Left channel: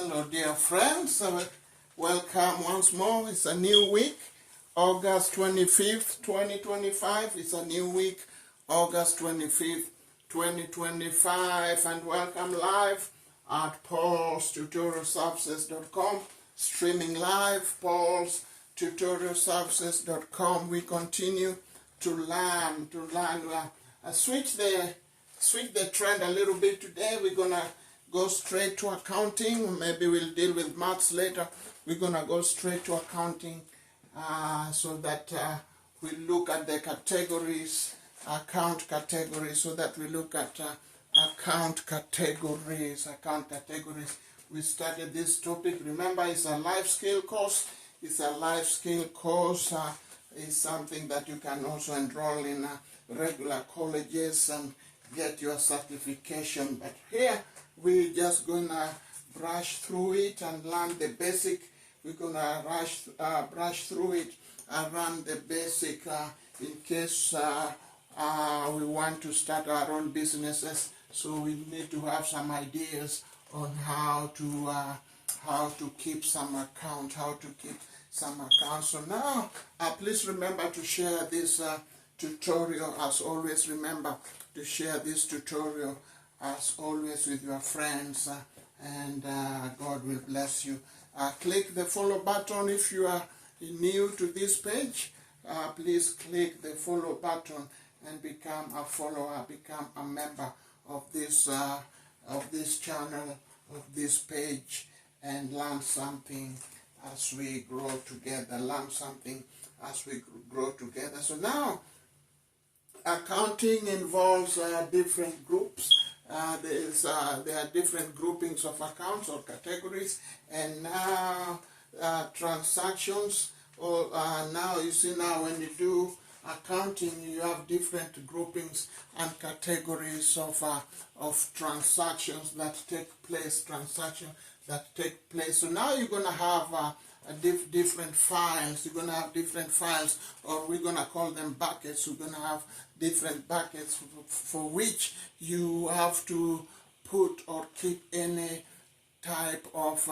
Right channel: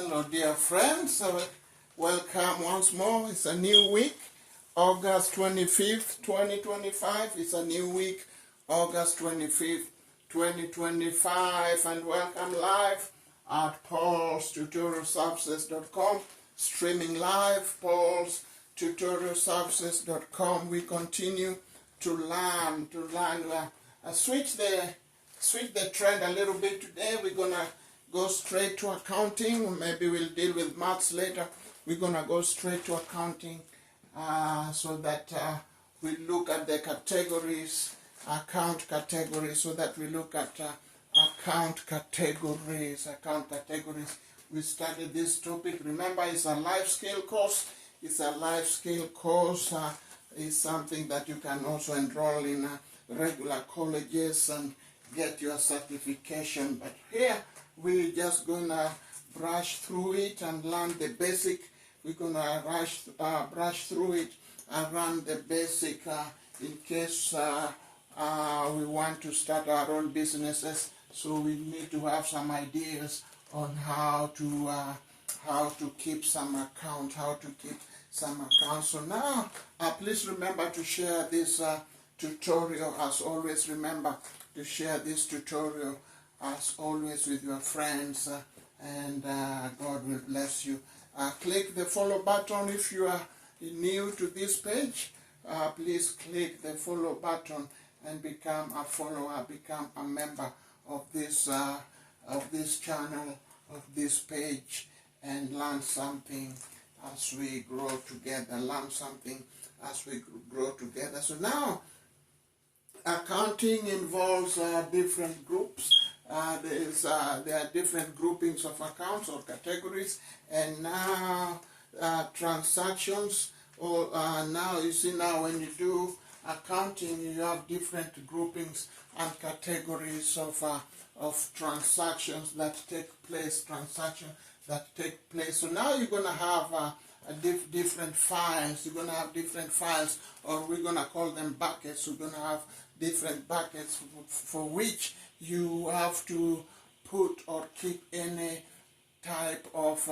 Hello, dear friends. Welcome once more. It's a new week, August 25th, 2025. It's a new week, August 25th, 2025. And welcome live at Paulstutorialservices.com. Streaming live, Paulstutorialservices.com. We continue to learn. Switch the trend a little bit today. We're going to go straight to accounting. Maybe we'll deal with maths later. We're going to go straight to accounting so that we look at the categories, account categories, so that we look at account categories. We started this topic. Remember, it's a life skill course. It's a life skill course. It's something that you can also enroll in regular colleges and get your certification. But here, we're just going to brush through it and learn the basic. We're going to brush through it and learn the basic in case we want to start our own businesses. So we need to have some ideas on how to keep some account, So now, please remember to share this tutorial. As always, remember to share this tutorial as always with your friends, and God will bless you. Click the follow button if you are new to this page. Please click the follow button and become a follower, become a member of this channel, of this page, and learn something as we grow together. So now, accounting involves different groups. There are different groupings of accounts or categories, and now transactions. Now you see, now when you do accounting, you have different groupings and categories of transactions that take place. So now you're going to have different files. You're going to have different files, or we're going to call them buckets. We're going to have different buckets for which you have to put or keep any type of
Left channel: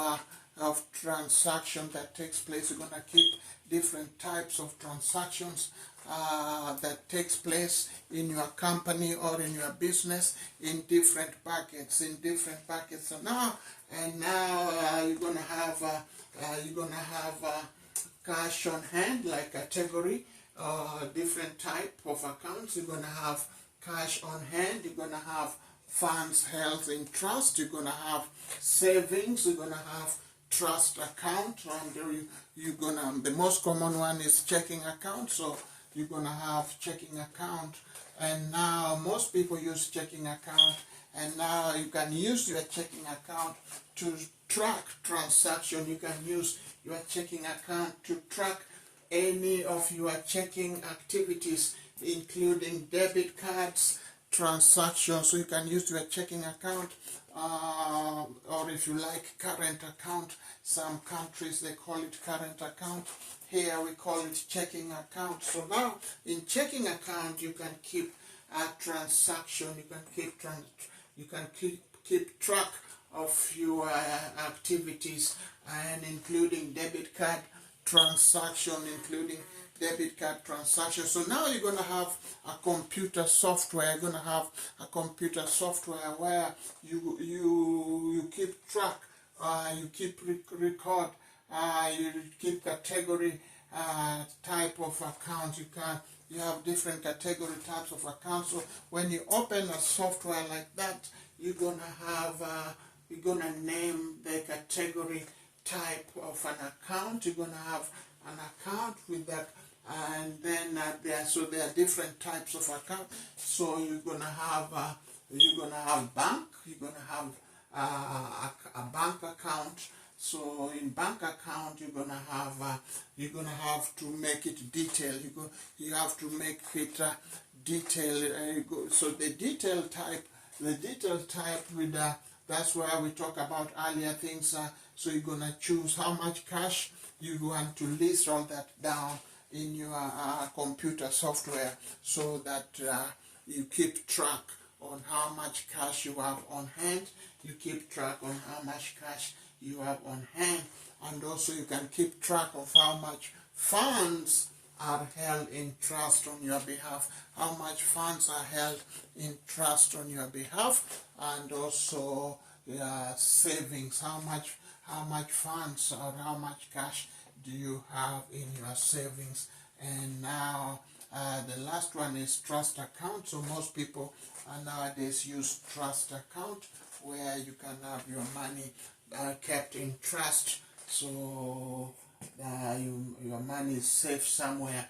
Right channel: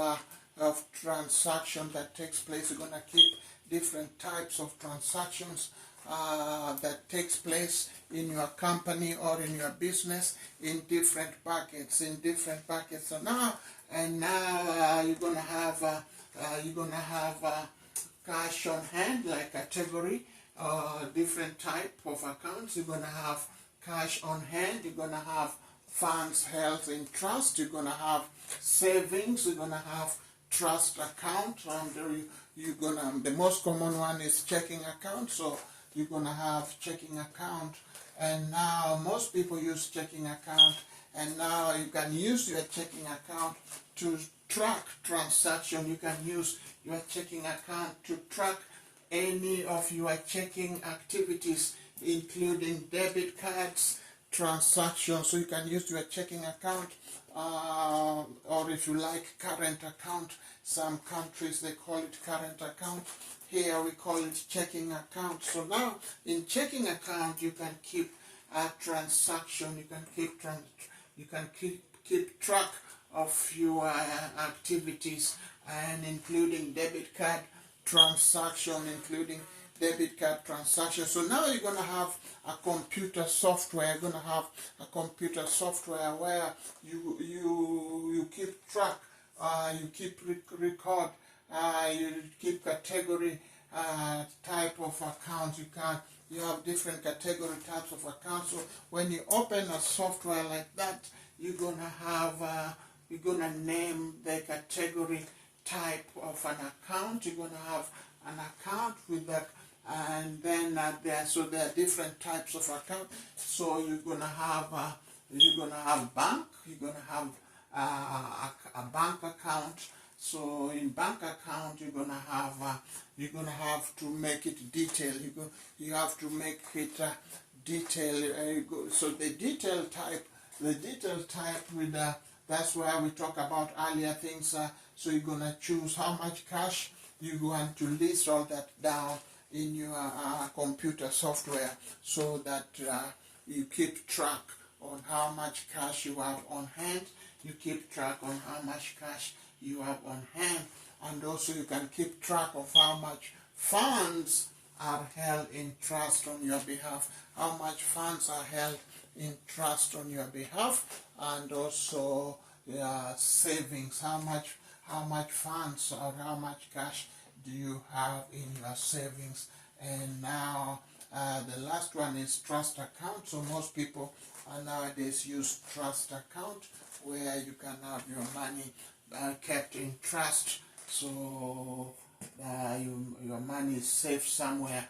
transaction that takes place. You're going to keep different types of transactions that takes place in your company or in your business in different buckets. So now you're going to have cash on hand, like category, different type of accounts. You're going to have cash on hand. You're going to have funds held in trust. You're going to have savings. You're going to have trust account. And the most common one is checking account. So you're going to have checking account. And now most people use checking account. And now you can use your checking account to track transaction. You can use your checking account to track any of your checking activities, including debit cards, transactions. So you can use your checking account, or if you like, current account. Some countries, they call it current account. Here we call it checking account. So now in checking account, you can keep a transaction. You can keep track of your activities, and including debit card transaction, So now you're going to have a computer software. You're going to have a computer software where you keep track, you keep record, you keep category type of account. You have different category types of accounts. So when you open a software like that, you're going to name the category type of an account. You're going to have an account with that, and then there are different types of account. So you're going to have bank. You're going to have a bank account. So in bank account, you're going to have to make it detailed. You have to make it detailed. So the detail type with that's where we talk about earlier things. So you're going to choose how much cash you want to list all that down in your computer software, so that you keep track on how much cash you have on hand. You keep track on how much cash you have on hand, and also you can keep track of how much funds are held in trust on your behalf, how much funds are held in trust on your behalf, and also savings, how much funds or how much cash do you have in your savings. And now the last one is trust account. So most people nowadays use trust account, where you can have your money kept in trust. So your money is safe somewhere.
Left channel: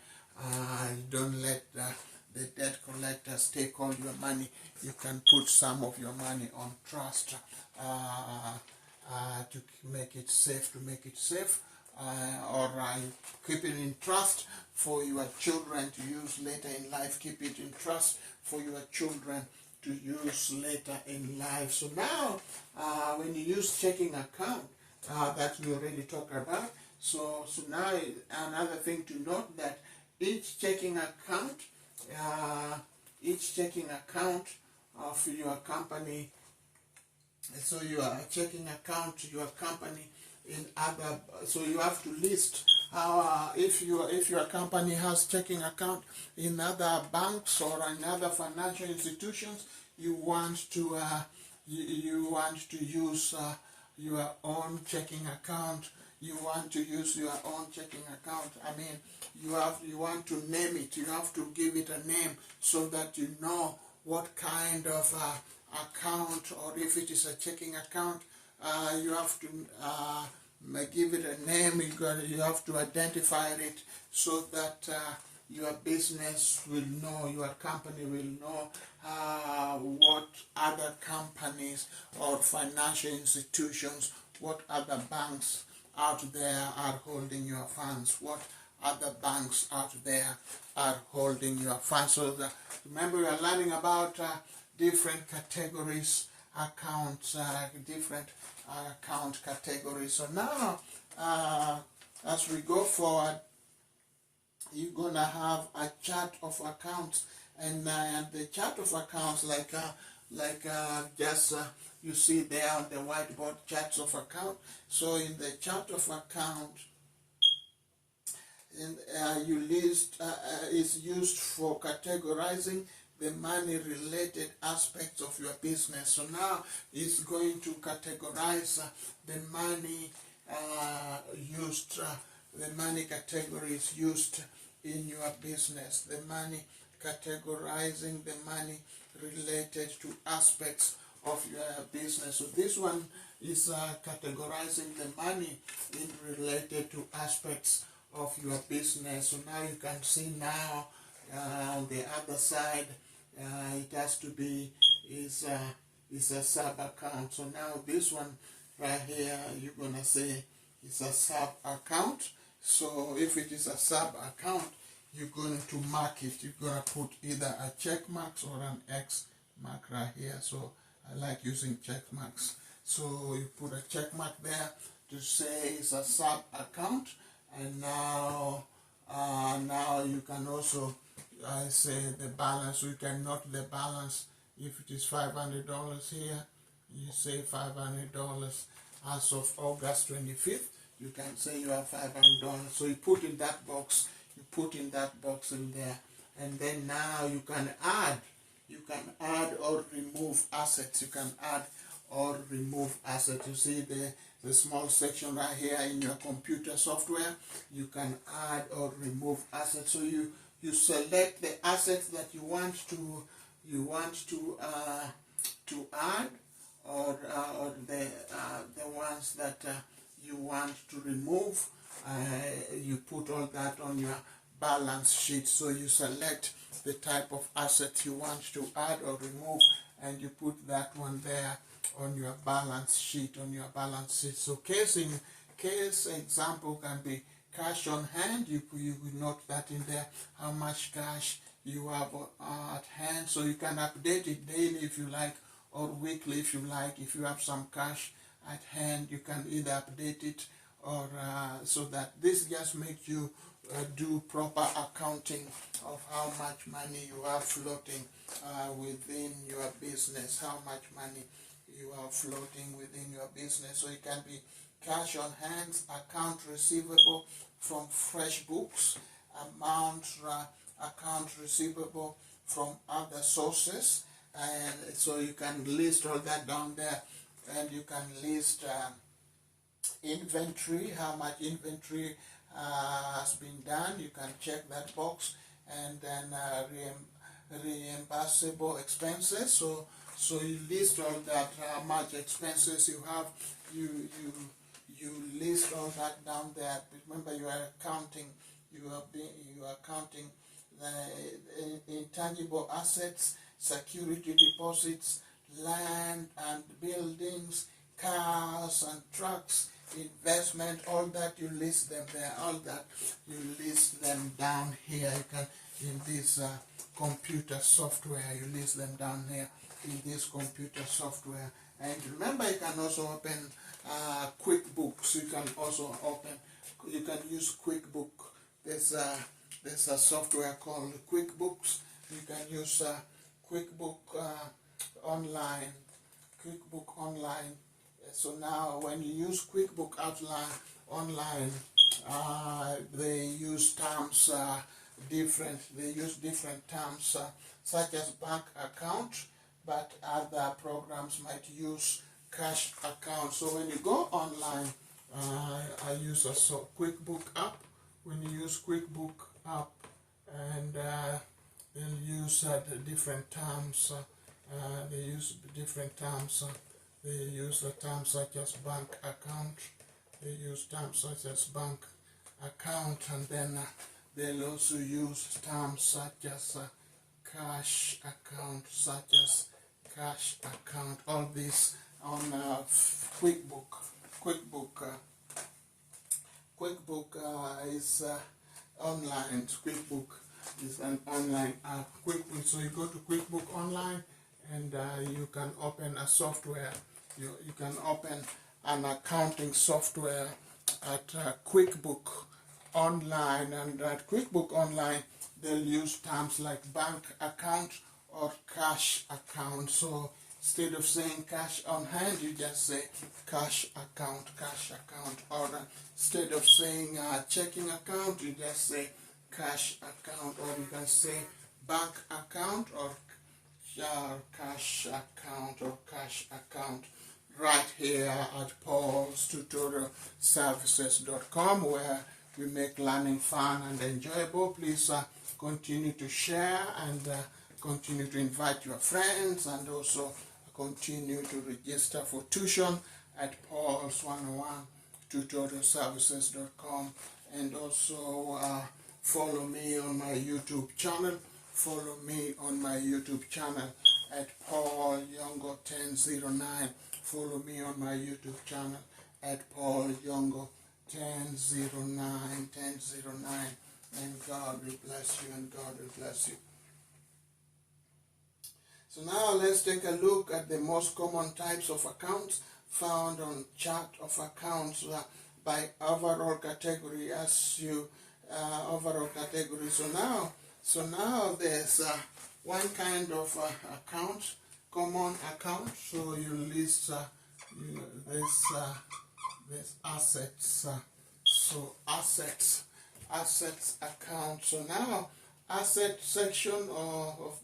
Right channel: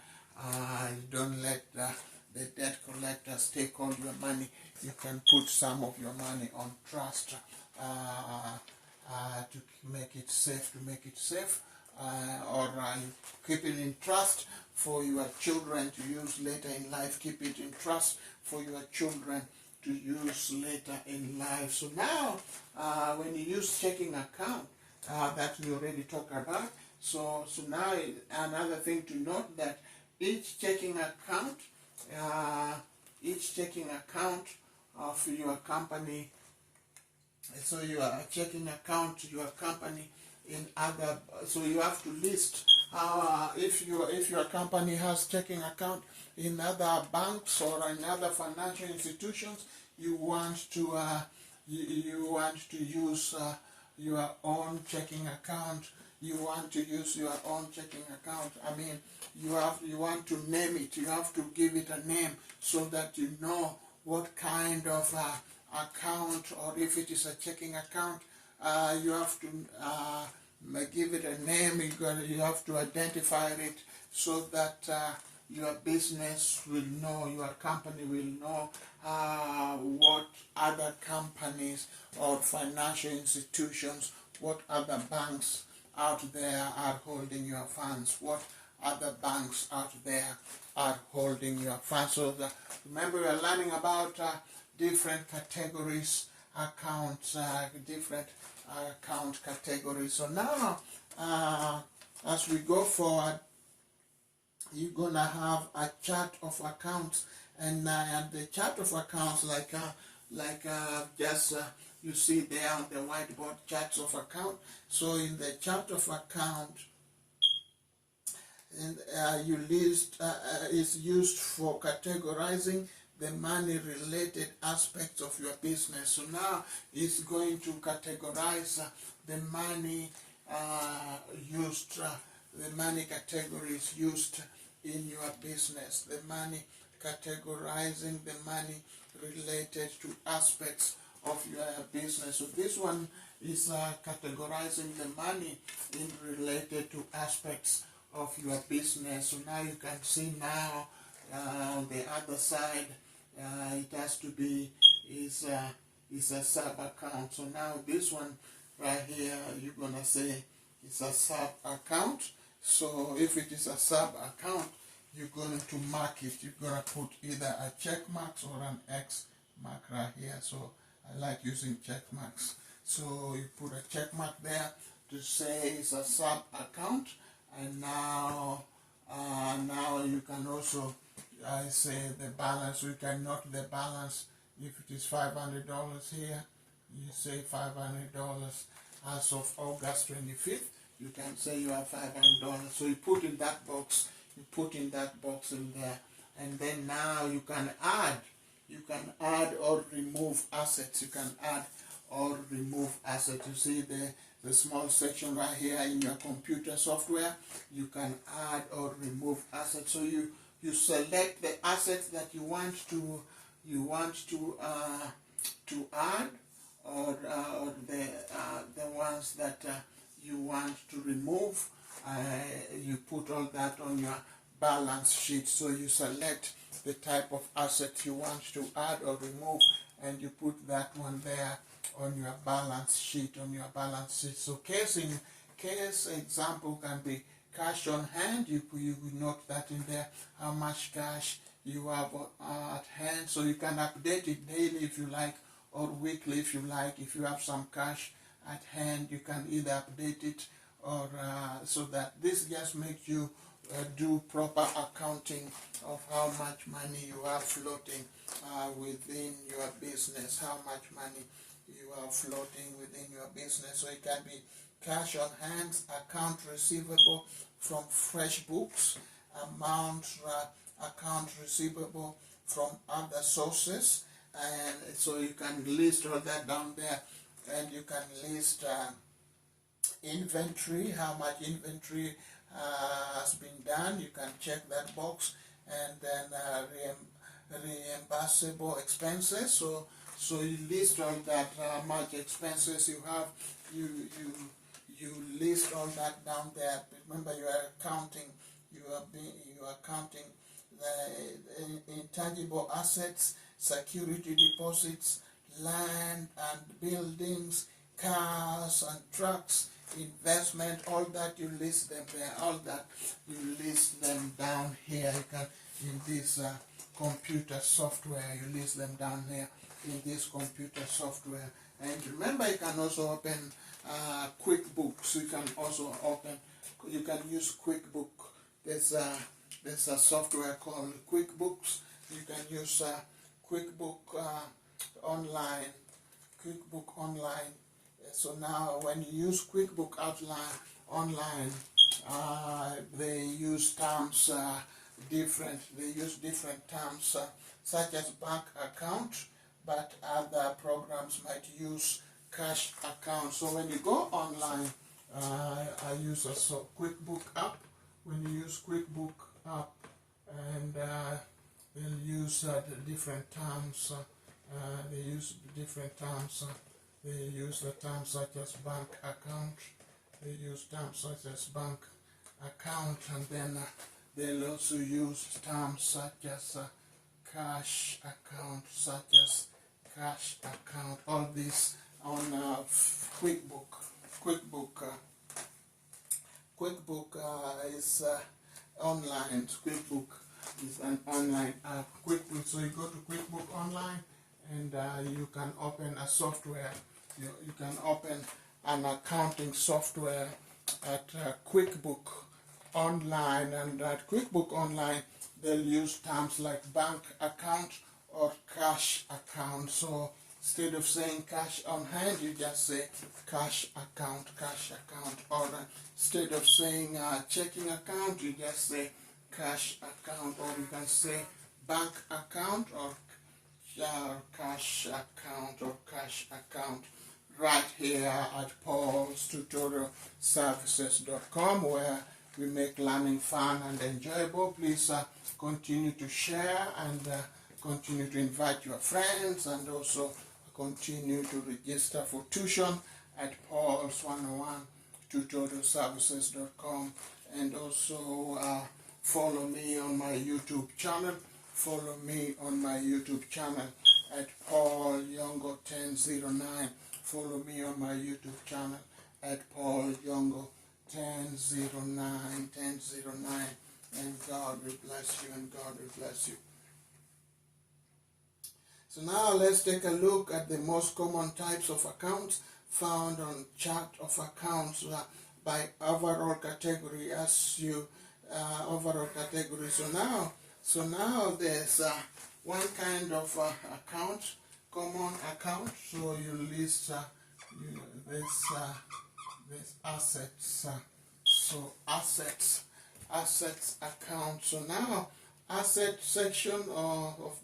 Don't let the debt collectors take all your money. You can put some of your money on trust to make it safe. Or keep it in trust for your children to use later in life. Keep it in trust for your children to use later in life. So now, when you use checking account, that we already talked about. So now another thing to note, that each checking account of your company. So your checking account, your company in other. So you have to list how if your company has checking account in other banks or in other financial institutions, you want to use your own checking account. You want to use your own checking account. I mean, you want to name it. You have to give it a name so that you know what kind of account, or if it is a checking account, you have to give it a name. You have to identify it so that your business will know, your company will know what other companies or financial institutions, what other banks out there are holding your funds, what other banks out there are holding your funds. So remember, we are learning about different categories, accounts, different account categories. So now, as we go forward, you're gonna have a chart of accounts, and the chart of accounts, just you see there on the whiteboard, charts of account. So in the chart of account, and you list is used for categorizing the money-related aspects of your business. So now it's going to categorize the money the money categories used in your business. The money, categorizing the money related to aspects of your business. So this one is categorizing the money related to aspects of your business. So now you can see now on the other side, it has to be is a sub account. So now this one right here, you're gonna say it's a sub account. So if it is a sub account, you're going to mark it. You're gonna put either a check mark or an X mark right here. So I like using check marks. So you put a check mark there to say it's a sub account. And now you can also say the balance. You can note the balance. If it is $500 here, you say $500 as of August 25th. You can say you have $500. So you put in that box. You put in that box in there, and then now you can add. You can add or remove assets. You can add or remove assets. You see the small section right here in your computer software. You can add or remove assets. So you select the assets that you want to add, or the ones that you want to remove. You put all that on your balance sheet. So you select the type of asset you want to add or remove, and you put that one there on your balance sheet. So case example can be cash on hand. You note that in there, how much cash you have at hand. So you can update it daily if you like, or weekly if you like. If you have some cash at hand, you can either update it or so that this just makes you do proper accounting of how much money you have floating within your business, how much money you are floating within your business. So it can be cash on hand, account receivable from fresh books, account receivable from other sources, and so you can list all that down there, and you can list inventory, how much inventory has been done. You can check that box, and then reimbursable expenses. So you list all that, how much expenses you have. You list all that down there. Remember, you are counting. You are counting the intangible assets, security deposits, land and buildings, cars and trucks, investment, all that. You list them there. All that you list them down here. You can, in this computer software, you list them down here in this computer software. And remember, you can also open QuickBooks. You can also you can use QuickBook. There's a software called QuickBooks. You can use QuickBook online. QuickBook online. So now, when you use QuickBook online, they use terms different. They use different terms such as bank account, but other programs might use cash account. So when you go online, I use a QuickBook app. When you use QuickBook app, and they'll use the different terms. They use different terms. They use the terms such as bank account. They use terms such as bank account, and then they'll also use terms such as cash account, all this on QuickBook. QuickBook is online. QuickBook is an online app. QuickBook. So you go to QuickBook online, and you can open a software. You can open an accounting software at QuickBook online, and at QuickBook online they'll use terms like bank account or cash account. So instead of saying cash on hand, you just say cash account, or instead of saying checking account, you just say cash account, or you can say bank account or cash account, right here at Paulstutorialservices.com, where we make learning fun and enjoyable. Please continue to share, and continue to invite your friends, and also continue to register for tuition at Paulstutorialservices.com, and also follow me on my YouTube channel. Follow me on my YouTube channel at Paul Yongo 1009. Follow me on my YouTube channel at Paul Yongo 1009, and God will bless you, and God will bless you. So now let's take a look at the most common types of accounts found on chart of accounts by overall category. Overall category. So now there's one kind of account, common account. So you list this assets. So assets account. So now asset section of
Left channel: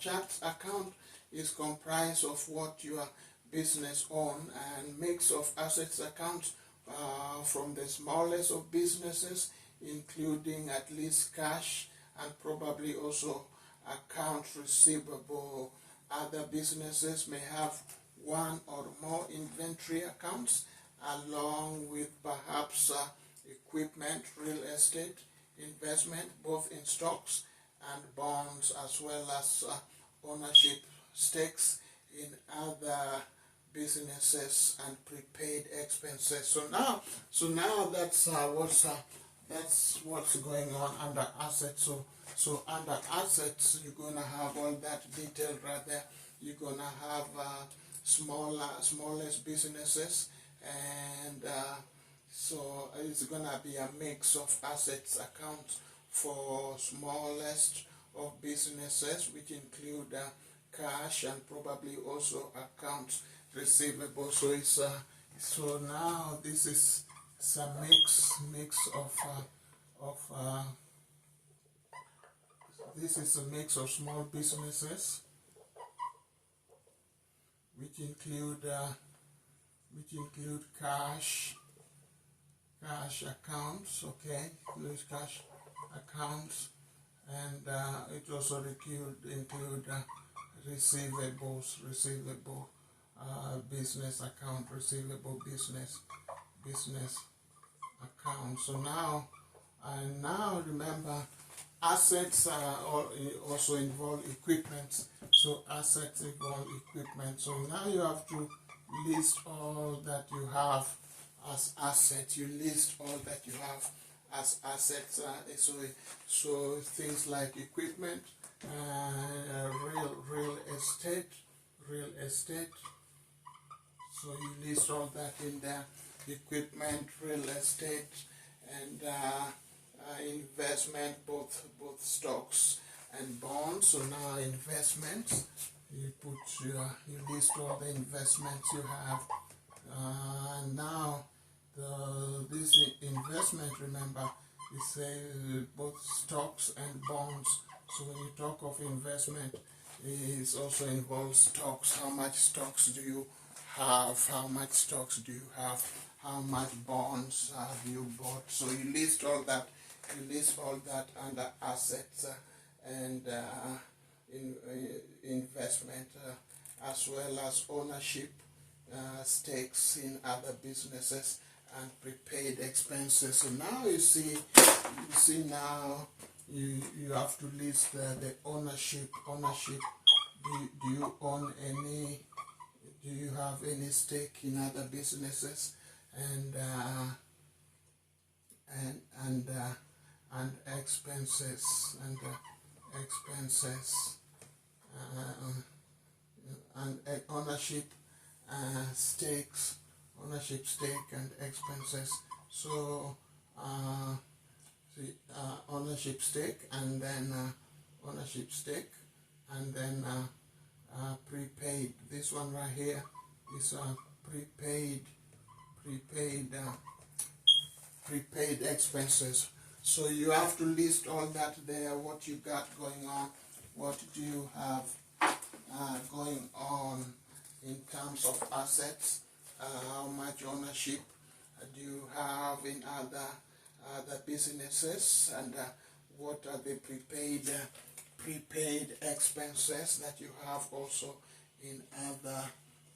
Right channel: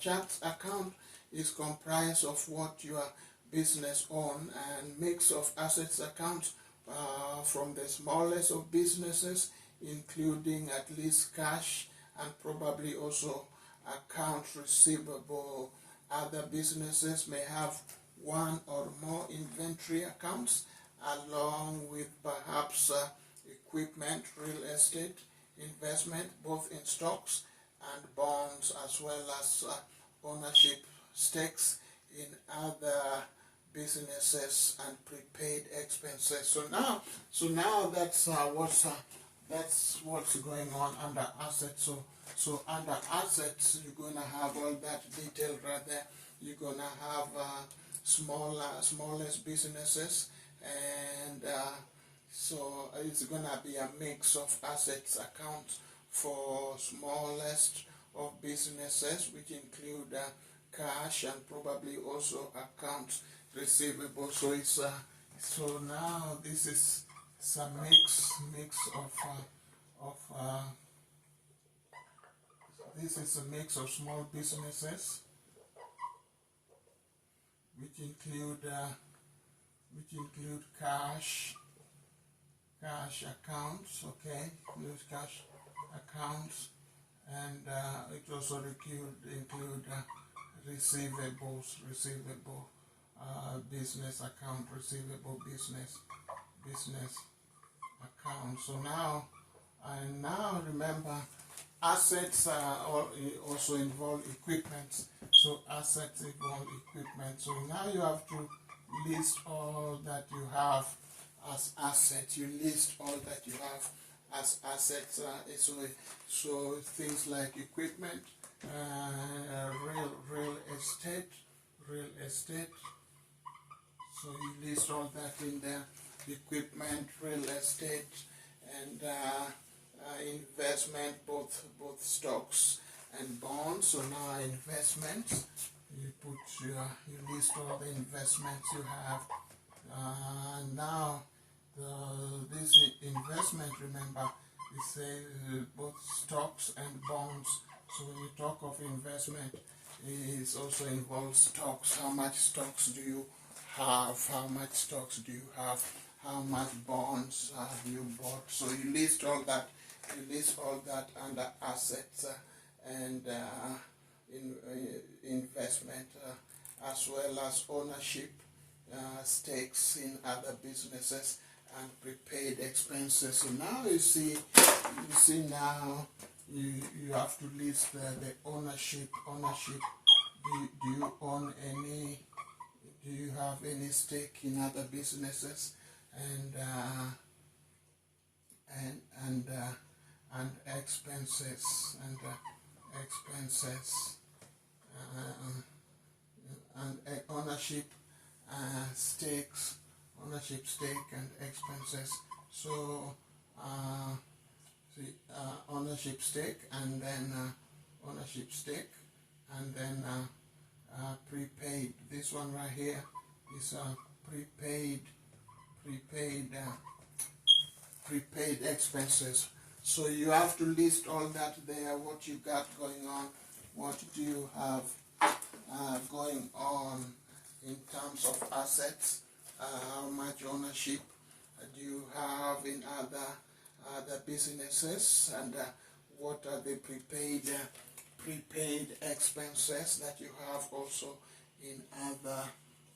chart account is comprised of what your business own, and mix of assets accounts from the smallest of businesses, including at least cash and probably also account receivable. Other businesses may have one or more inventory accounts, along with perhaps equipment, real estate, investment, both in stocks and bonds, as well as ownership stakes in other businesses and prepaid expenses. So now that's what's going on under assets. So under assets, you're gonna have all that detail right there. You're gonna have smallest businesses, and so it's gonna be a mix of assets accounts for smallest of businesses, which include cash and probably also accounts receivable. So it's so now this is a mix of this is a mix of small businesses which include cash accounts, okay, includes cash accounts, and it also include receivable business account, receivable business account. So now remember, assets also involve equipment. So assets involve equipment. So now you have to list all that you have as assets. You list all that you have as assets. So things like equipment, real estate. So you list all that in there: equipment, real estate, and investment, both stocks and bonds. So now investments, you list all the investments you have. Now this investment, remember, we say both stocks and bonds. So when you talk of investment, it also involves stocks. How much stocks do you have? How much stocks do you have? How much bonds have you bought? So you list all that. You list all that under assets and investment, as well as ownership, stakes in other businesses, and prepaid expenses. So now you see now you have to list the ownership. Do you own any? Do you have any stake in other businesses? And expenses and ownership, stake and expenses. So ownership stake, and then prepaid. This one right here is prepaid expenses. So you have to list all that there, what you got going on, what do you have going on in terms of assets, how much ownership do you have in other businesses, and what are the prepaid expenses that you have also in other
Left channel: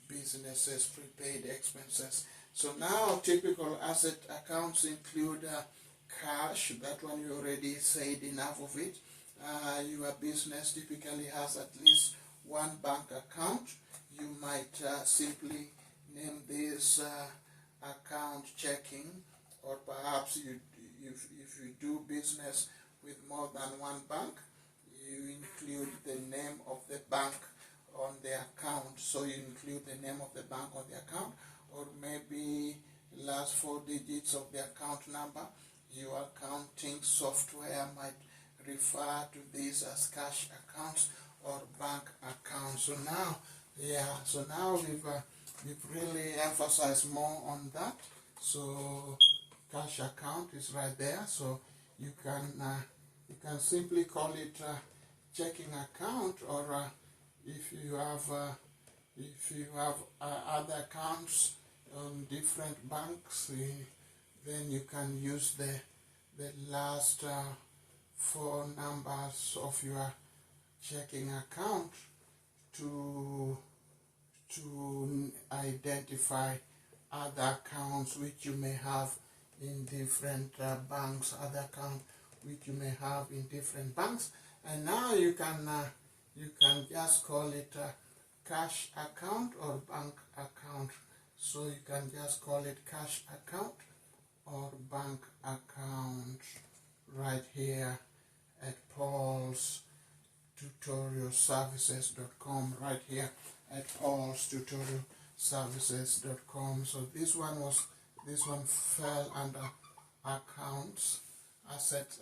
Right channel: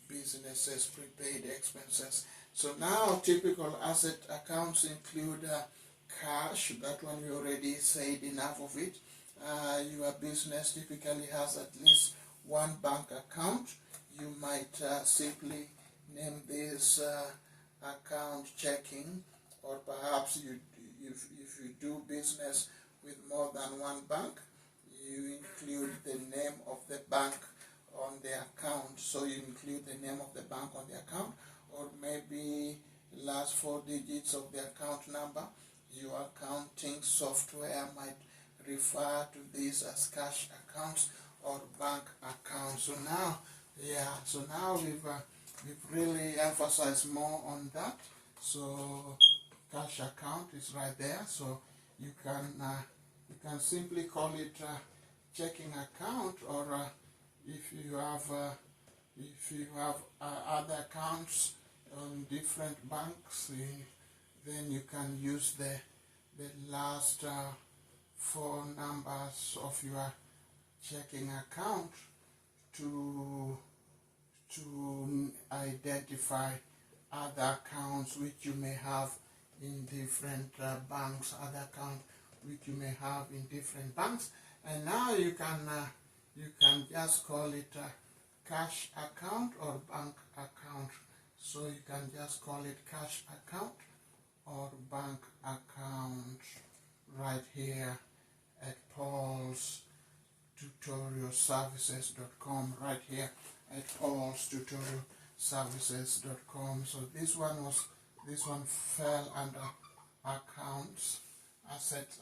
businesses, prepaid expenses. So now typical asset accounts include cash. That one you already said enough of it. Your business typically has at least one bank account. You might simply name this account checking, or perhaps if you do business with more than one bank, you include the name of the bank on the account. So you include the name of the bank on the account, or maybe last 4 digits of the account number. Your accounting software might refer to these as cash accounts or bank accounts. So now we've really emphasized more on that. So cash account is right there. So you can simply call it checking account, or if you have other accounts on different banks, then you can use the last 4 numbers of your checking account to identify other accounts which you may have in different banks, other accounts which you may have in different banks. And now you can just call it a cash account or bank account. So you can just call it cash account or bank account right here at Paulstutorialservices.com, right here at Paulstutorialservices.com. So this one fell under accounts, assets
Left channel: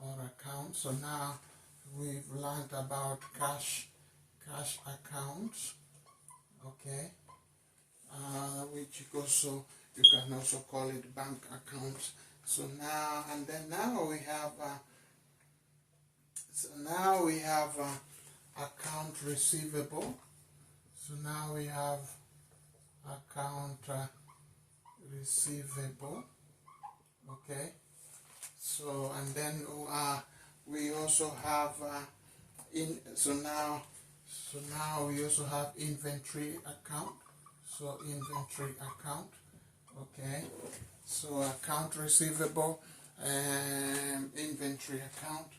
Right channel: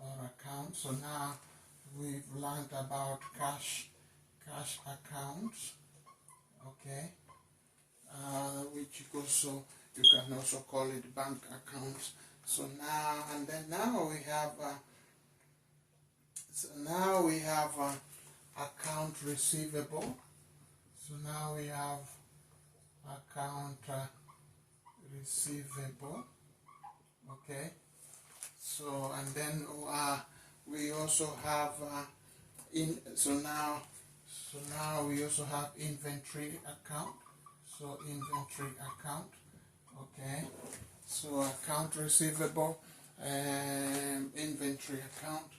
or accounts. So now we've learned about cash accounts, okay, which also you can also call it bank accounts. So now and then now we have account receivable. So now we have account receivable. Okay. So and then we also have so now we also have inventory account. So inventory account. Okay. So account receivable and inventory account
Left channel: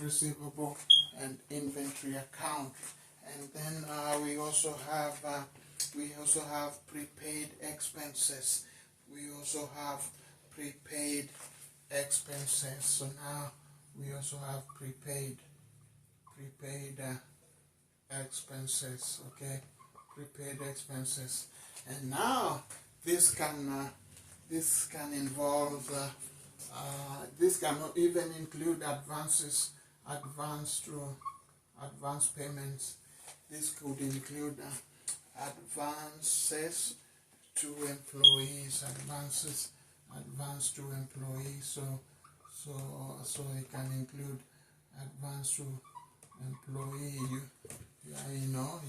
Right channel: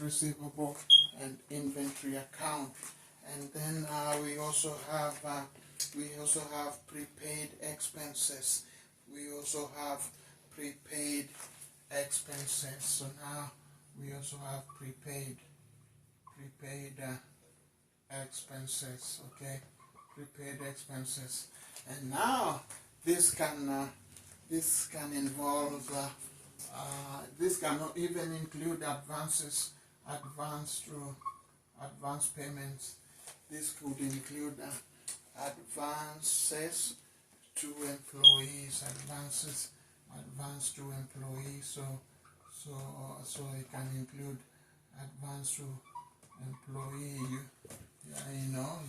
receivable and inventory account. And then we also have prepaid expenses. We also have prepaid expenses. So now we also have prepaid expenses. Okay, prepaid expenses. And now this can involve this can even include advance payments. This could include advances to employees, advance to employees. So it can include advance to employee.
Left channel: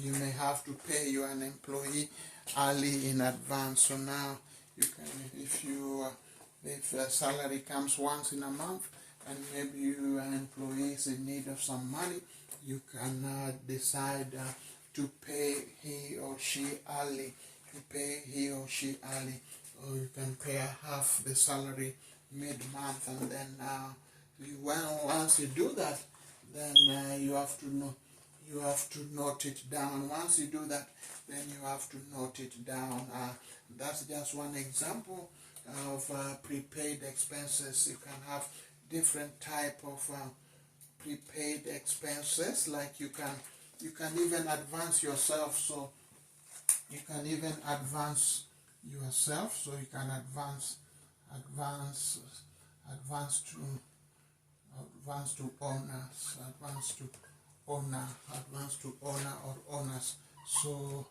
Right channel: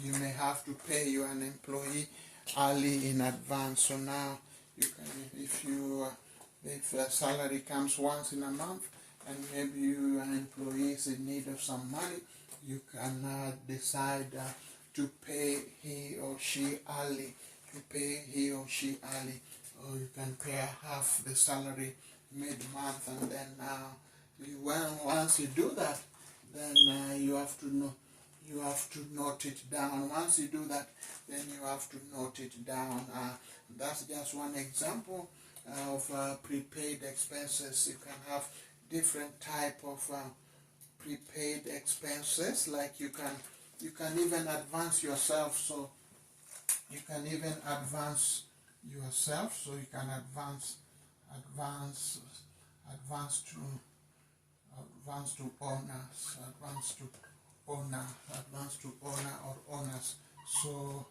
You may have to pay an employee early in advance. So now you can, if a salary comes once in a month and maybe your employee is in need of some money, you can decide to pay he or she early. Or you can pay half the salary mid-month, and then once you do that, then you have to note it down. Once you do that, then you have to note it down. That's just one example of prepaid expenses. You can have different type of prepaid expenses. Like you can even advance yourself. So you can even advance yourself. So you can advance to owners, advance to owner or owners. So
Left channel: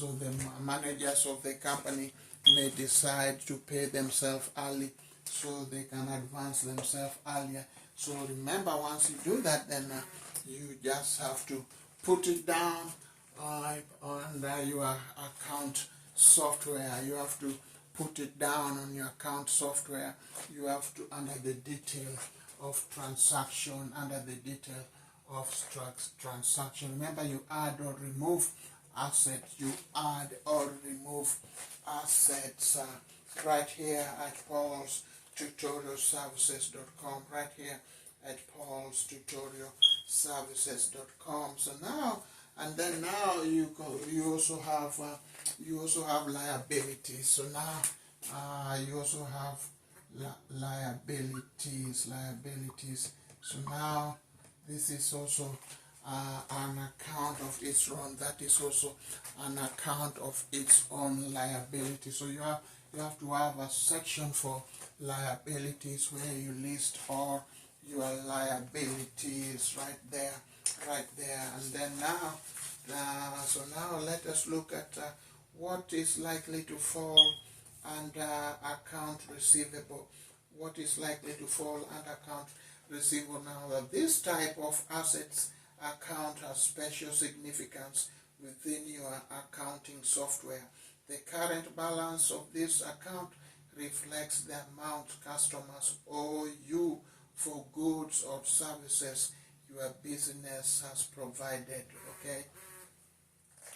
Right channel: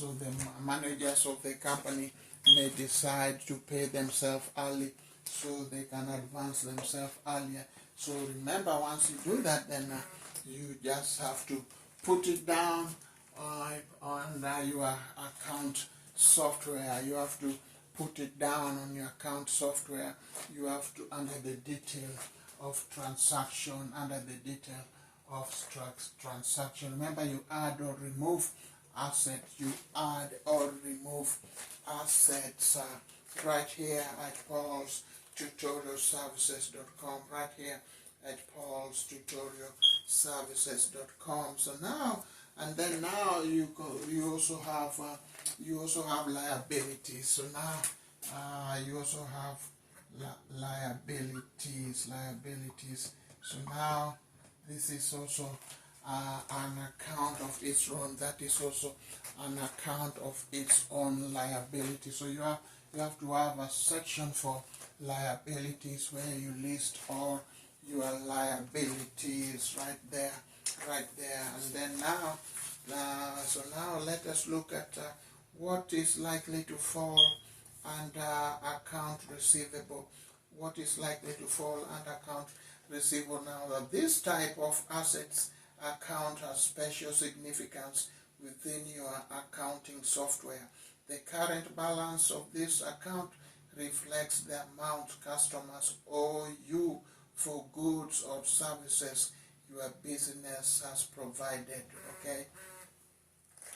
the managers of the company may decide to pay themselves early, so they can advance themselves earlier. So remember, once you do that, then you just have to put it down on your account software. You have to put it down on your account software. You have to, under the detail of transaction, remember, you add or remove assets. Right here at Paulstutorialservices.com. Right here at Paulstutorialservices.com. So now, and then now you also have liabilities. So now you also have liabilities. So now this is also an account of its own. That is also an account of its own liability. So you have to have a section for liabilities where you list all your liabilities right there. And then now let us look at what is likely to fall under account receivable. What is likely to fall under account receivable? Now, this type of assets account has special significance within your accounting software. The current balance of this account reflects the amount customers owe you for goods or services your business has provided. Okay.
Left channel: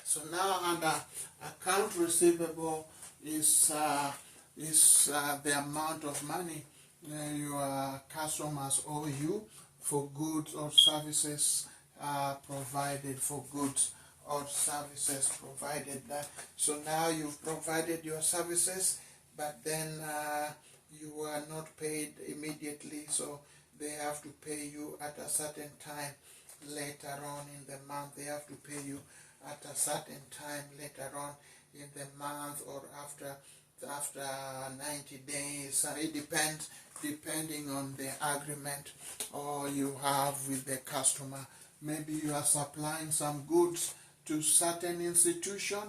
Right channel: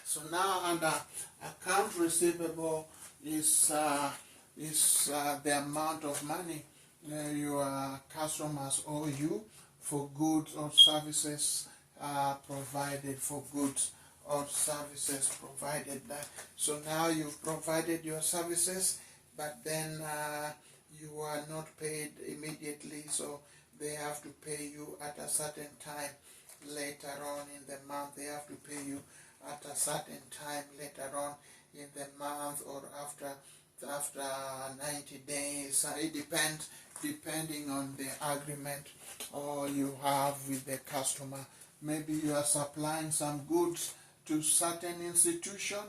So now under account receivable is the amount of money your customers owe you for goods or services provided. So now you've provided your services, but then you are not paid immediately, so they have to pay you at a certain time later on in the month. They have to pay you at a certain time later on in the month, or after 90 days. It depends, depending on the agreement or you have with the customer. Maybe you are supplying some goods to certain institution,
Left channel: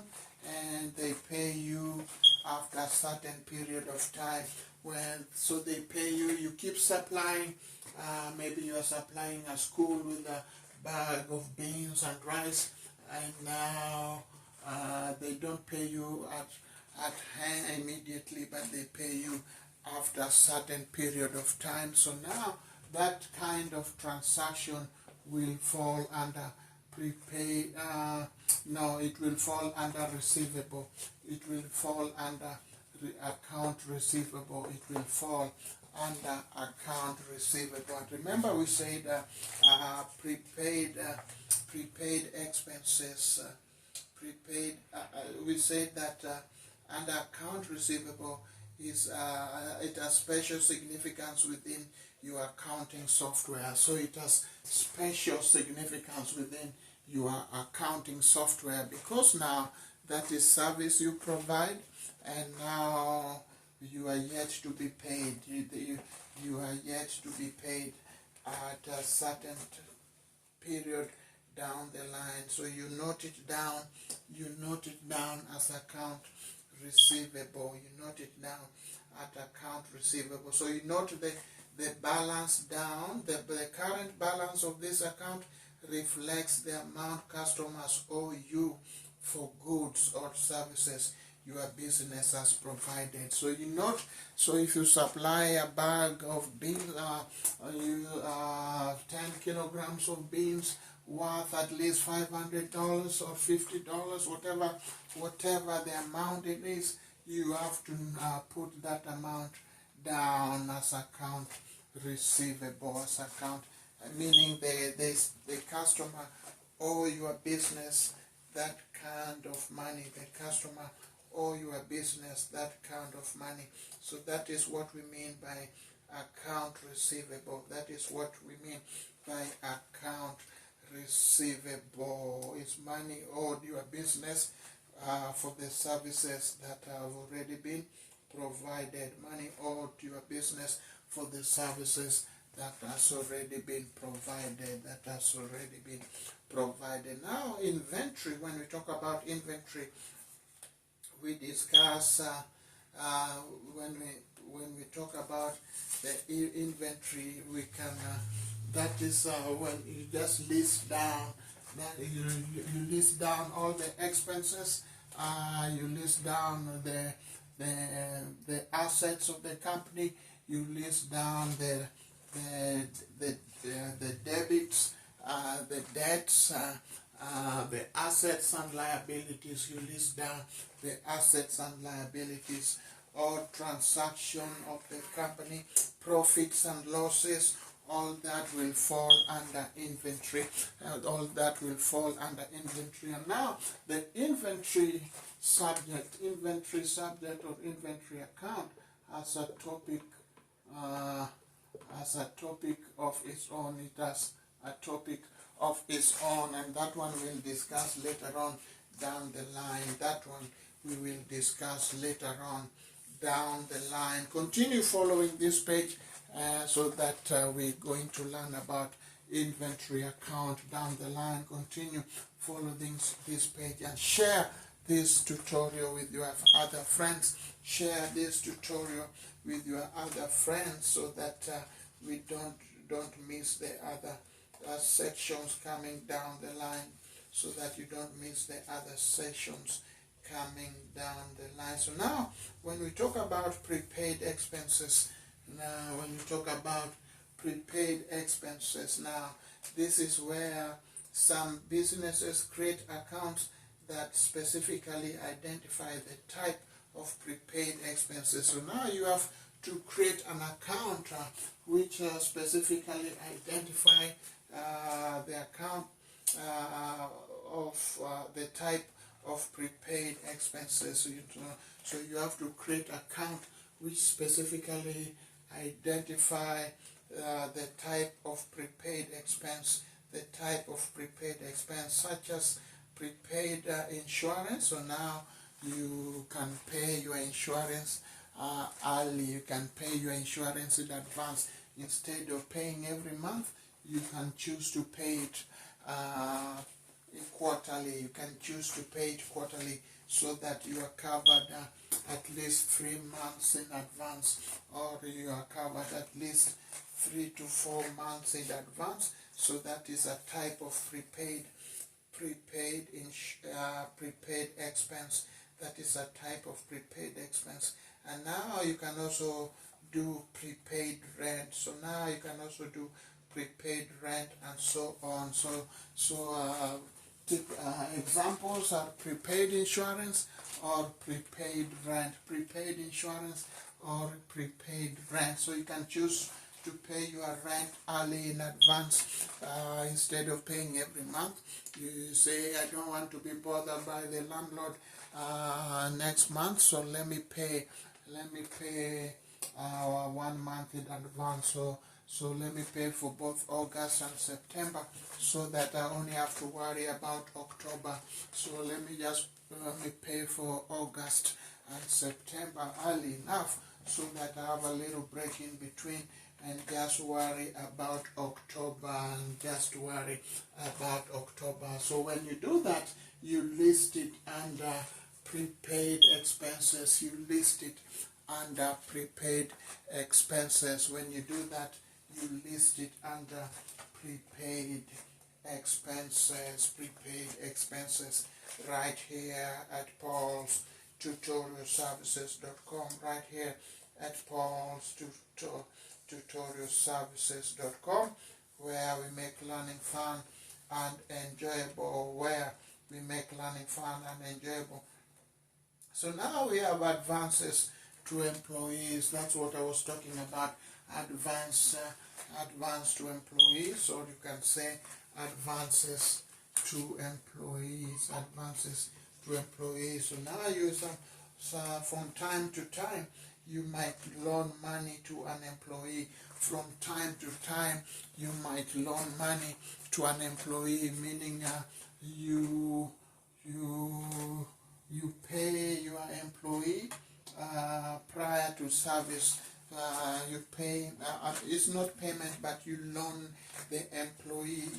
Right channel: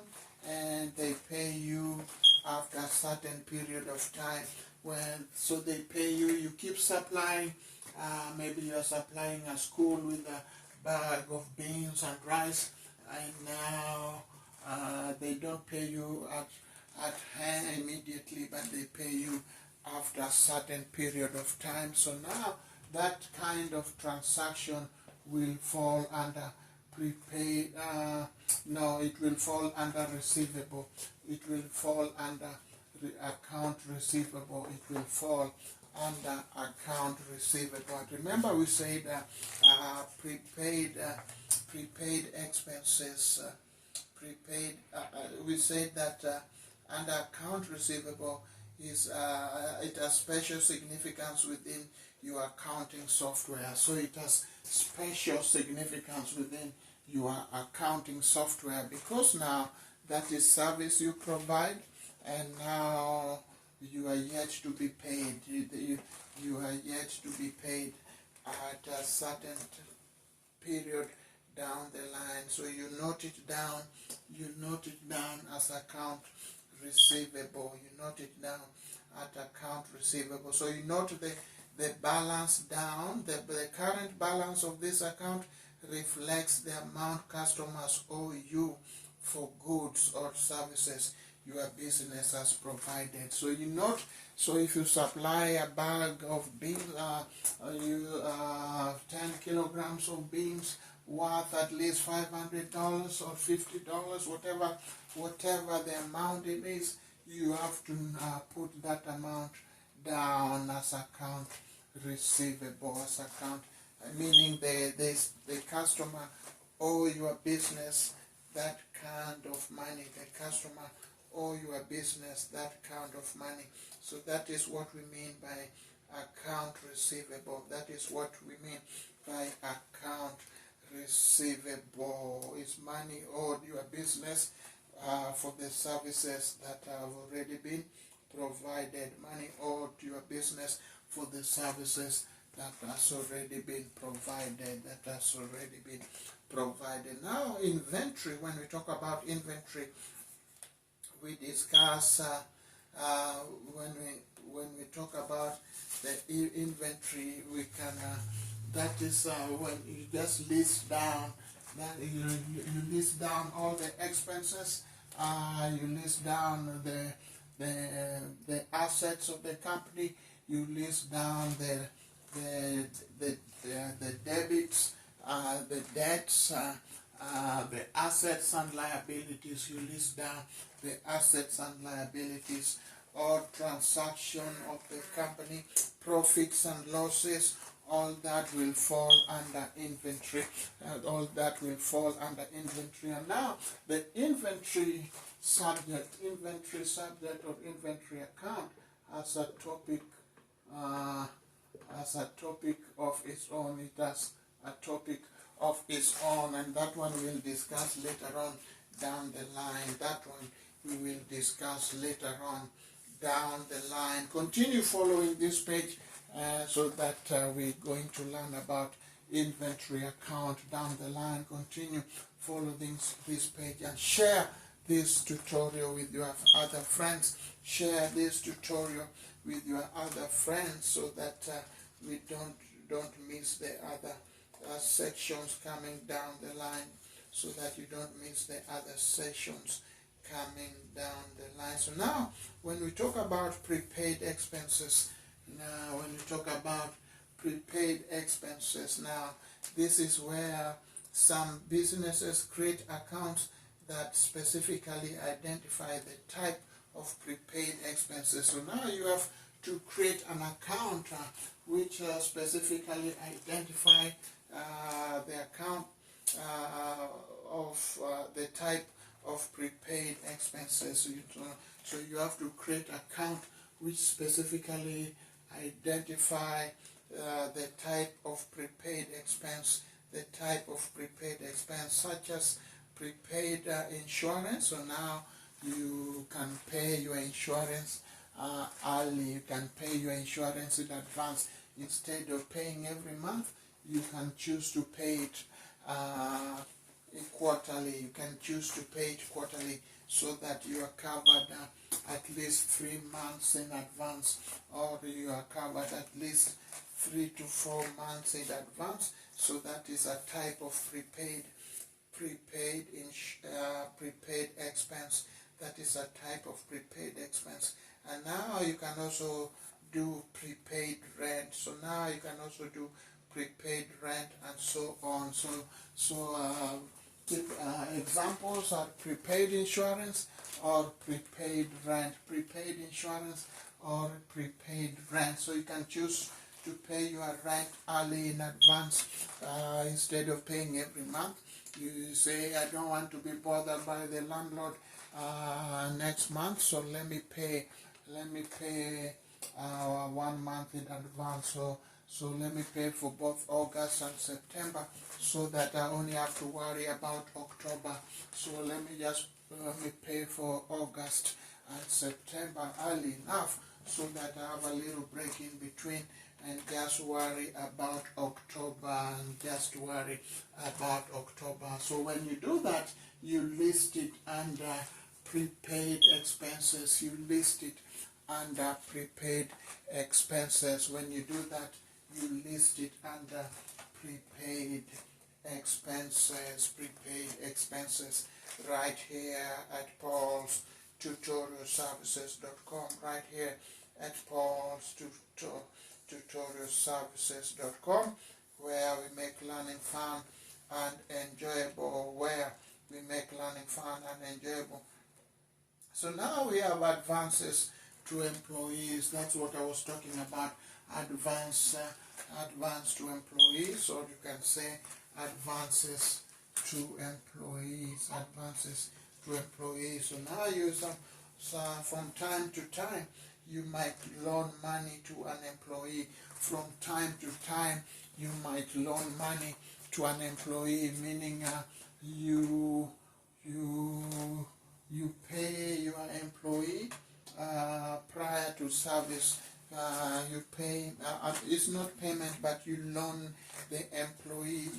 and they pay you after a certain period of time. So they pay you, you keep supplying. Maybe you are supplying a school with a bag of beans and rice, and now they don't pay you at hand immediately, but they pay you after a certain period of time. So now that kind of transaction will fall under prepaid. No, it will fall under receivable. It will fall under account receivable. It will fall under account receivable. Remember, we said prepaid expenses. We said that under account receivable is it has special significance within your accounting software. So it has special significance within your accounting software, because now that is service you provide, and now you are yet to be paid. You are yet to be paid at a certain period down the line. So you note it down. You note it down as account receivable. You note it down at account receivable. So you note the balance down. The current balance of this account reflects the amount customers owe you for goods or services your business has provided. So you note, so if you supply a bag of beans, 10 kilograms of beans worth at least $500 or $50, whatever the amount it is, you have to put that amount down as account receivable, as account, meaning the customer owe your business that kind of money. The customer owe your business that kind of money. So that is what we mean by account receivable. That is what we mean by account receivable. It's money owed your business for the services that have already been provided. Money owed your business for the services that has already been provided. Now, inventory. When we talk about inventory, we discuss when we talk about the inventory, we can that is when you just list down that you list down all the expenses. You list down the assets of the company. You list down the debits, the debts, the assets and liabilities. You list down the assets and liabilities, all transaction of the company, profits and losses. All that will fall under inventory. All that will fall under inventory. And now the inventory subject or inventory account has a topic of its own. It has a topic of its own, and that one we'll discuss later on down the line. That one we will discuss later on down the line. Continue following this page so that we're going to learn about inventory account down the line. Continue following this page and share this tutorial with your other friends. Share this tutorial with your other friends so that we don't miss the other sections coming down the line, so that you don't miss the other sections coming down the line. So now, when we talk about prepaid expenses, now this is where some businesses create accounts that specifically identify the type of prepaid expenses. So now you have to create an account which specifically identify the account of the type of prepaid expenses. So you have to create an account which specifically identify the type of prepaid expense, such as prepaid insurance. So now you can pay your insurance early. You can pay your insurance in advance. Instead of paying every month, you can choose to pay it quarterly. You can choose to pay it quarterly so that you are covered at least 3 months in advance, or you are covered at least 3 to 4 months in advance. So that is a type of prepaid expense. That is a type of prepaid expense. And now you can also do prepaid rent. So now you can also do prepaid rent and so on. Examples are prepaid insurance or prepaid rent. Prepaid insurance or prepaid rent. So you can choose to pay your rent early in advance instead of paying every month. You say, I don't want to be bothered by the landlord next month, so let me pay 1 month in advance. So let me pay for both August and September, so that I only have to worry about October. So let me pay for August and September early enough, so that I have a little break in between, and just worry about October, So when you do that, you list it under prepaid expenses. You list it under prepaid expenses. When you do that, you list it under prepaid expenses right here at Paulstutorialservices.com, right here at Paulstutorialservices.com, where we make learning fun and enjoyable, So now we have advances to employees. That's what I was talking about, advance to employees, or you can say advances to employees. So now from time to time, you might loan money to an employee. From time to time, you might loan money to an employee, meaning you pay your employee prior to service. You pay, it's not payment, but you loan the employee,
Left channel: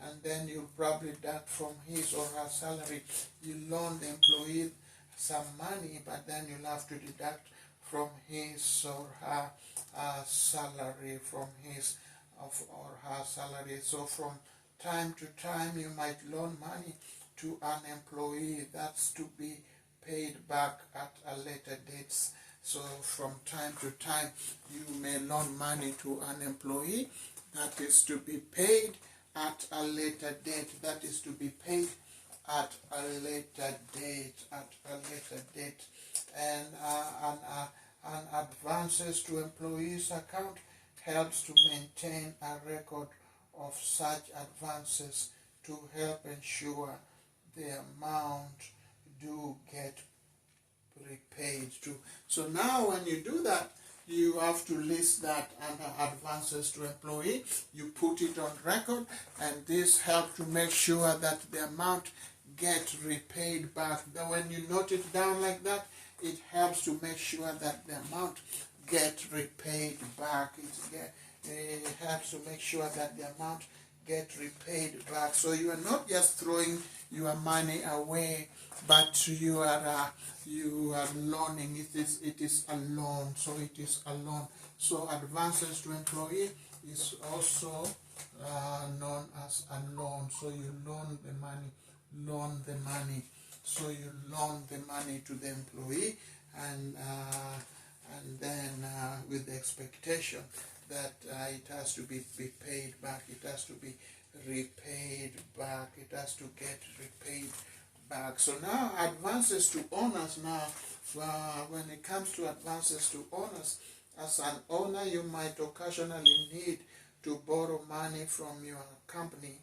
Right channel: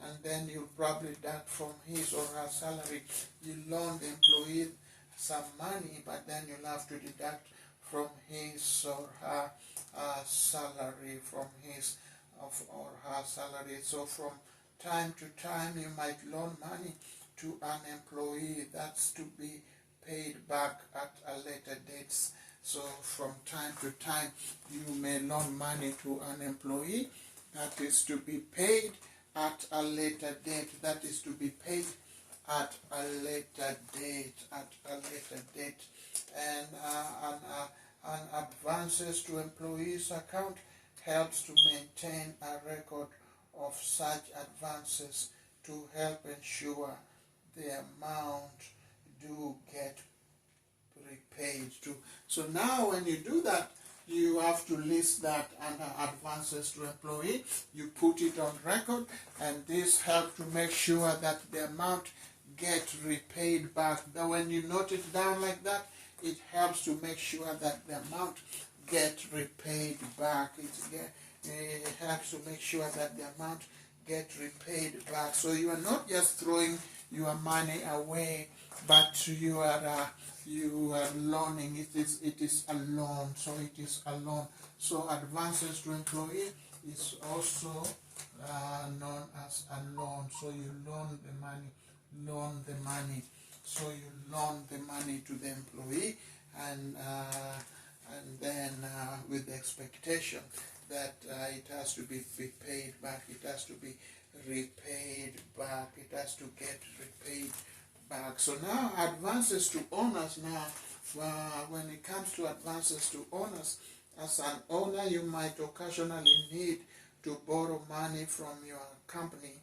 and then you probably deduct from his or her salary. You loan the employee some money, but then you'll have to deduct from his or her salary, So from time to time, you might loan money to an employee. That's to be paid back at a later date. So from time to time, you may loan money to an employee. That is to be paid at a later date. And an advances to employees account helps to maintain a record of such advances to help ensure the amount do get repaid to. So now when you do that, you have to list that under advances to employee. You put it on record, and this helps to make sure that the amount gets repaid back. Now when you note it down like that, it helps to make sure that the amount gets repaid back. It helps to make sure that the amount gets repaid back. So you are not just throwing your money away, but you are loaning. It is a loan. So advances to employee is also known as a loan. So you loan the money. So you loan the money to the employee, and then with the expectation that it has to be paid back. It has to be repaid back. It has to get repaid back. So now advances to owners. Now when it comes to advances to owners, as an owner, you might occasionally need to borrow money from your company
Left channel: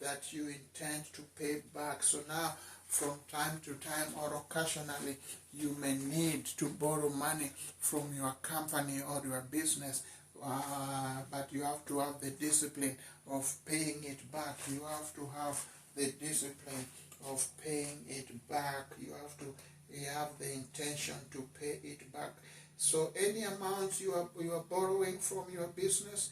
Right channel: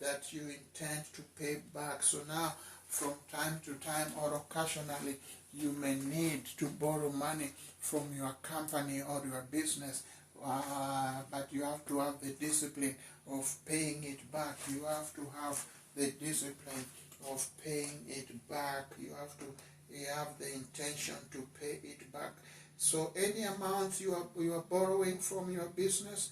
that you intend to pay back. So now from time to time, or occasionally, you may need to borrow money from your company or your business, but you have to have the discipline of paying it back. You have to have the discipline of paying it back. You have the intention to pay it back. So any amount you are borrowing from your business,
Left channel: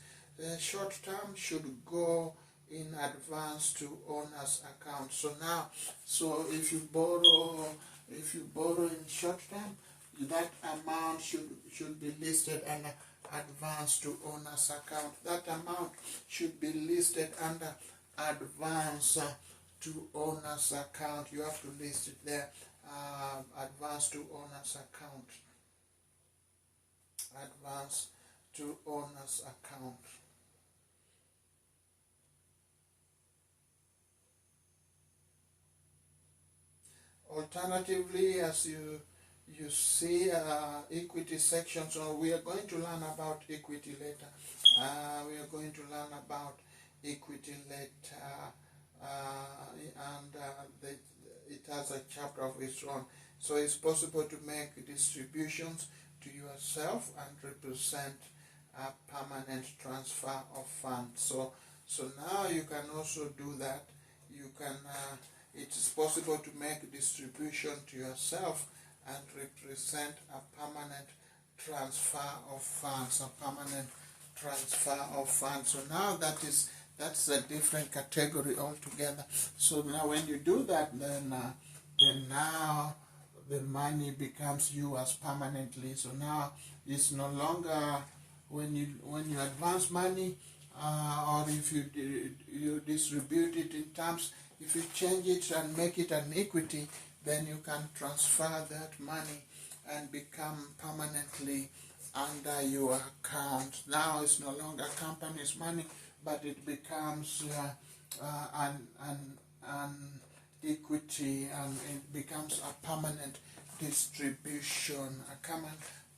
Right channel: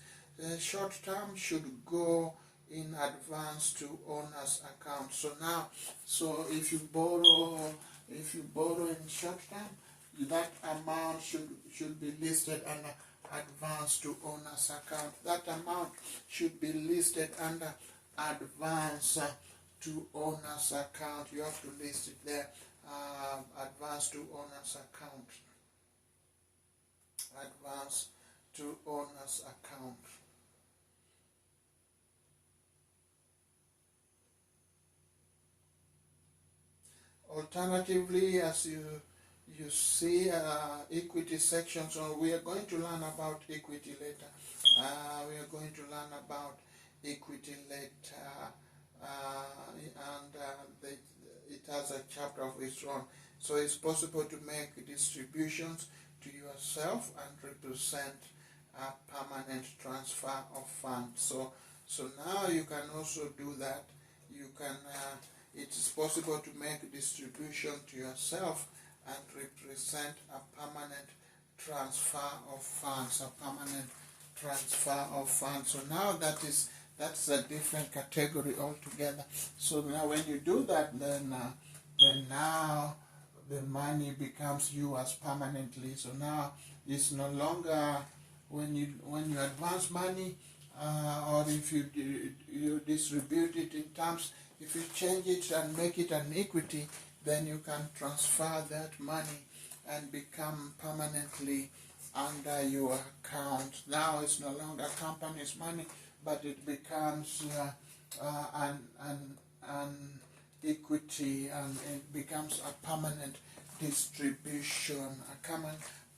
short term, should go in advance to owner's account. So now, so if you borrow in short term, that amount should be listed under advance to owner's account. That amount should be listed under advance to owner's account. You have to list it there. Advance to owner's account. Advance to owner's account. Alternatively, as you see equity section, so we are going to learn about equity later. It has a chapter of its own. So it's possible to make distributions to yourself and represent a permanent transfer of funds. So now you can also do that. You can. It is possible to make distribution to yourself and represent a permanent transfer of funds. So now that's a different category altogether. So now when you do that, then now the money becomes yours permanently. So now it's no longer when you advance money or if you distribute it in terms. If you change it and make it an equity, then you can transfer that money and become permanently under your account. Now it's no longer company's money, but it becomes an equity, and it becomes a permanent distribution,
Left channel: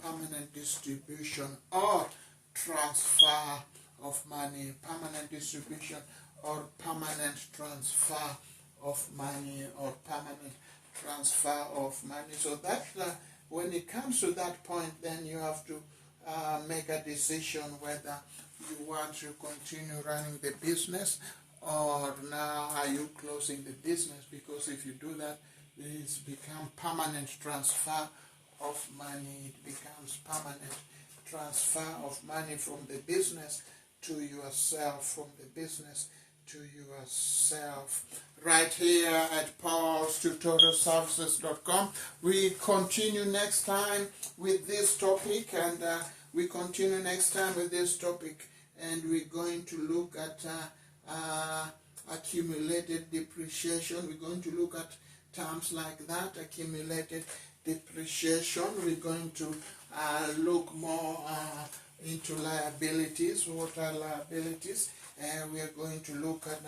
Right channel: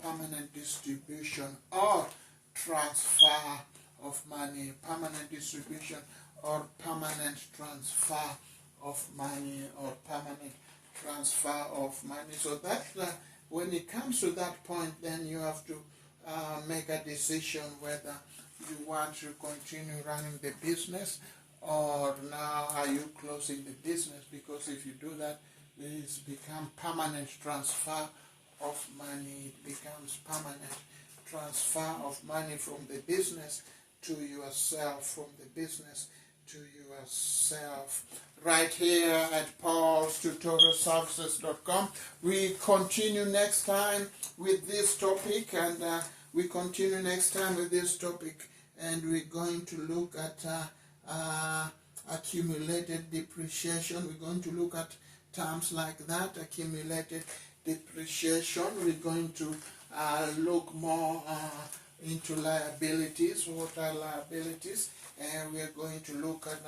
permanent distribution or transfer of money, permanent distribution or permanent transfer of money, or permanent transfer of money. So that when it comes to that point, then you have to make a decision whether you want to continue running the business, or now are you closing the business, because if you do that, it's become permanent transfer of money. It becomes permanent transfer of money from the business to yourself, from the business to yourself. Right here at Paulstutorialservices.com. We continue next time with this topic, and we're going to look at accumulated depreciation. We're going to look at terms like that, accumulated depreciation. We're going to look more into liabilities. What are liabilities? And we are going to look at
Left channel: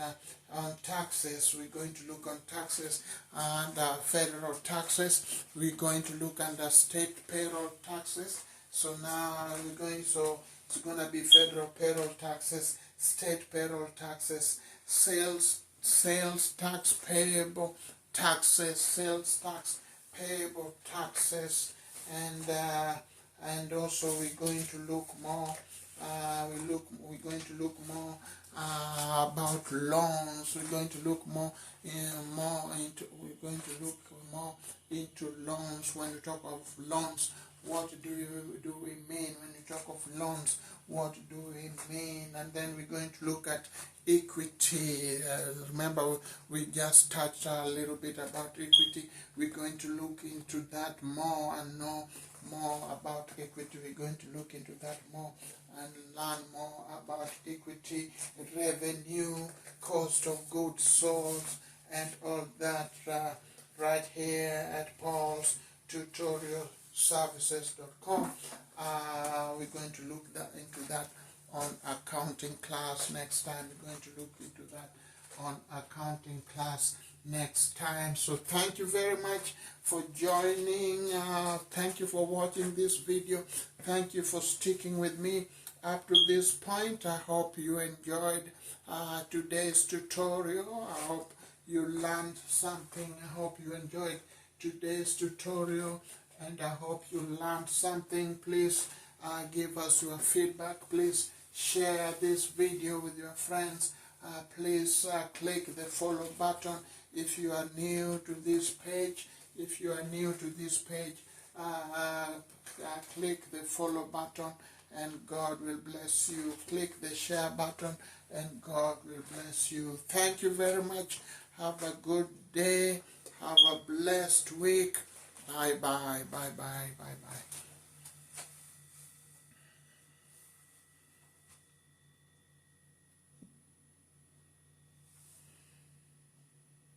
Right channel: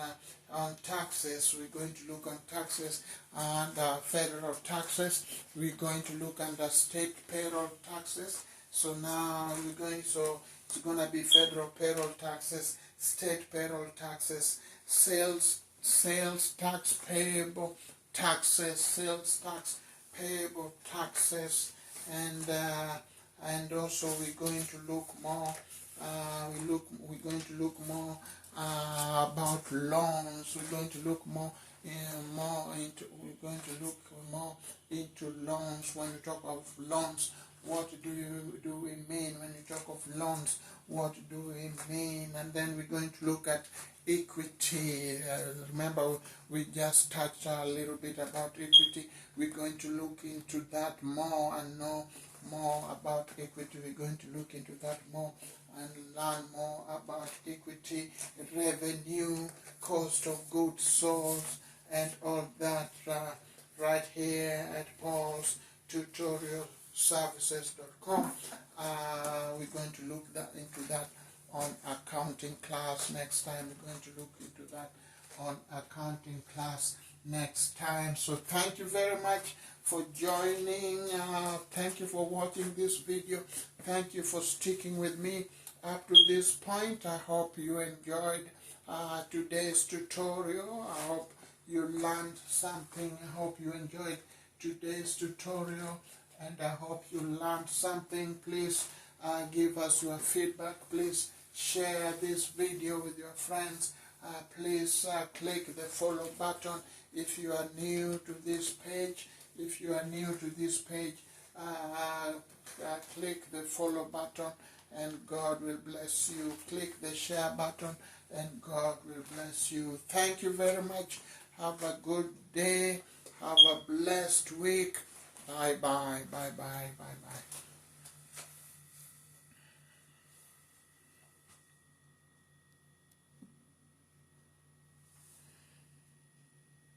on taxes. We're going to look on taxes and federal taxes. We're going to look under state payroll taxes. So now it's going to be federal payroll taxes, state payroll taxes, sales tax payable taxes, and also we're going to look more. We're going to look more about loans. We're going to look more into loans. When you talk of loans, what do we mean? When you talk of loans, what do we mean? And then we're going to look at equity. Remember, we just touched a little bit about equity. We're going to look into that more and know more about equity. We're going to look into that more and learn more about equity, revenue, cost of goods sold, and all that right here at Paulstutorialservices.com. We're going to look into that on accounting class next time. We're going to look into that on accounting class next time. So thank you very much for joining. Thank you for watching this video. Thank you for sticking with me up to this point. I hope you enjoyed today's tutorial. I hope you learned something. I hope you enjoyed today's tutorial, and I hope you learned something. Please give us your feedback. Please share this video with your friends. Please click the follow button if you are new to this page. Click the follow button and God will bless you. Click the share button and God will bless you. Thank you very much. Have a good day. Have a blessed week. Bye-bye. Bye-bye. Bye-bye.